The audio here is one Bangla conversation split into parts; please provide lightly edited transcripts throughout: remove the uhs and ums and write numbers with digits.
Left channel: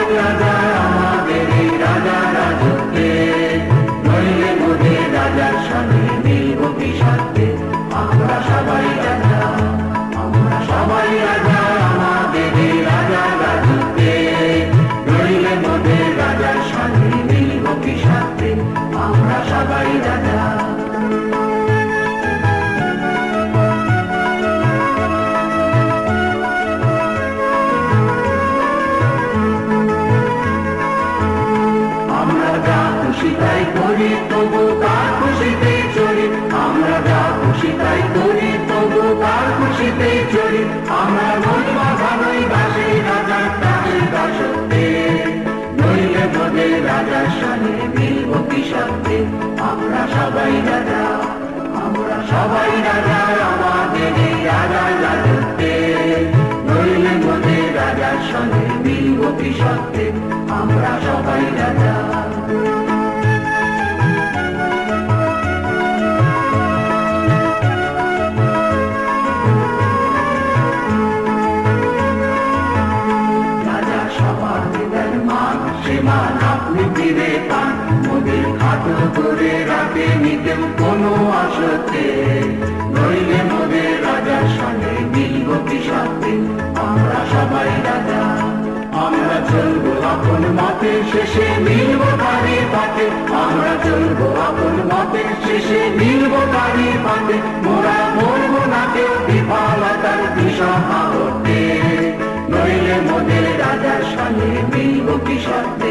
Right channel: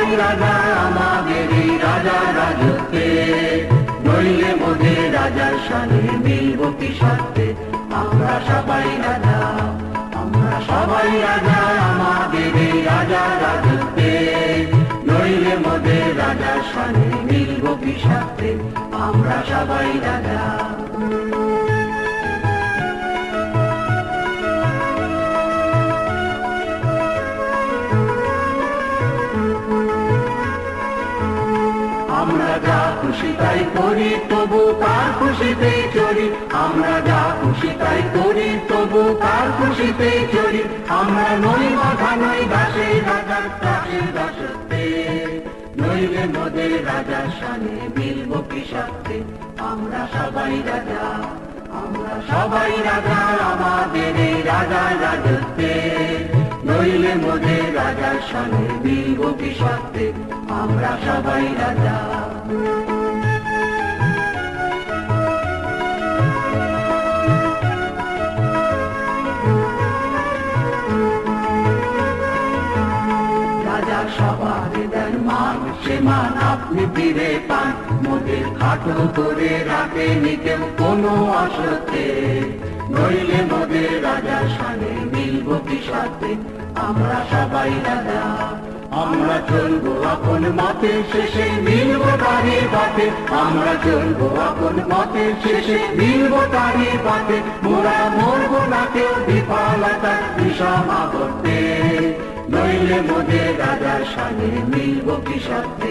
সবাই রাজা আমাদের এই রাজা রাজত্বে, নইলে মোদের রাজার সঙ্গে মিলব কি সাথে। আমরা সবাই রাজা, আমরা সবাই রাজা আমাদের এই রাজা রাজত্বে, নইলে মোদের রাজার সঙ্গে মিলব কি সাথে। আমরা সবাই রাজা। আমরা যা খুশি তাই করি তবু তার খুশিতেই চলি, আমরা যা খুশি তাই করি তবু তার খুশিতেই চলি। আমরা নই বাধা নই দাসী রাজা তাদের দাসত্বে, নইলে মোদের রাজার সঙ্গে মিলব কি সাথে। আমরা সবাই রাজা, আমরা সবাই রাজা আমাদের এই রাজা রাজত্বে, নইলে মোদের রাজার সঙ্গে মিলব কি সাথে। আমরা সবাই রাজা। রাজা সবার দেন মান, সে মান আপনি ফিরে পান, মোদের খাটো করে রাতে নিতেন কোনো আসতে, নইলে মোদের রাজার সঙ্গে মিলব কি সাথে। আমরা সবাই রাজা। আমরা চলবো আপন মতে শেষে মিলব তারি পাতে, আমরা চলবো আপন মতে শেষে মিলব তারি পাতে। মোরা মরব নাতে বিফলতার বিষম আবর্তে, নইলে মোদের রাজার সঙ্গে মিলব কি সাথে।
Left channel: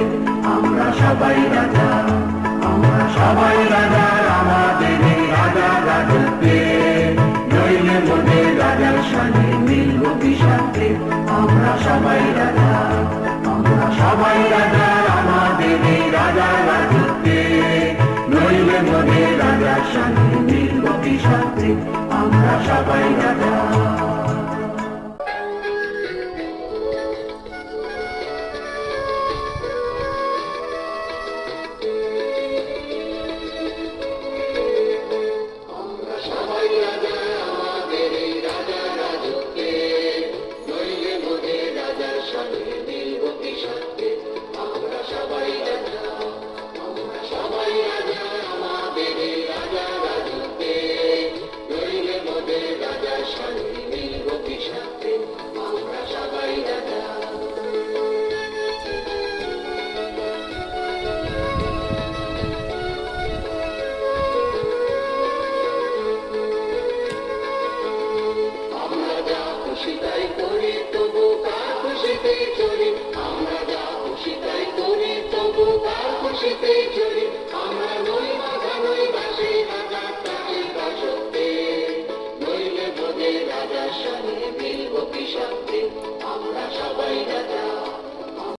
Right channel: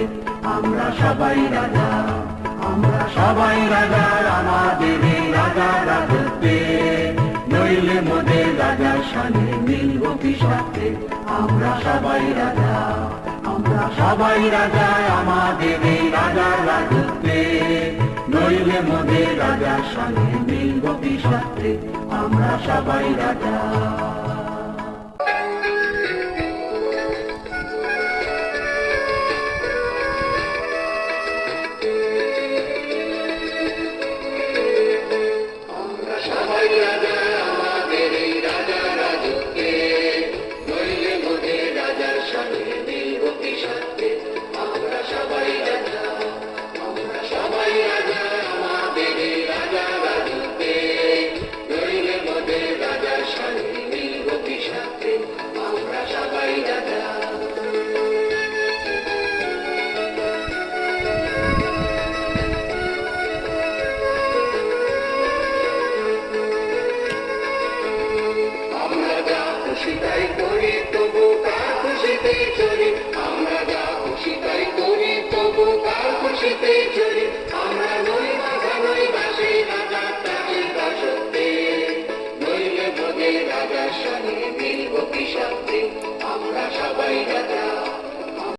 আমরা সবাই রাজা, আমরা সবাই রাজা আমাদের এই রাজা রাজত্বে, নইলে মোদের রাজার সঙ্গে মিলব কি সাথে। আমরা সবাই রাজা, আমরা সবাই রাজা আমাদের এই রাজা রাজত্বে, নইলে মোদের রাজার সঙ্গে মিলব কি সাথে। আমরা সবাই রাজা। খুশিতাই করি তবু তার খুশিতেই চলি, আমরা যা খুশি তাই করি তবু তার খুশিতেই চলি। আমরা নই বাধা নই দাসী রাজা তাদের দাসত্বে, নইলে মোদের রাজার সঙ্গে মিলব কি সাথে। আমরা সবাই রাজা।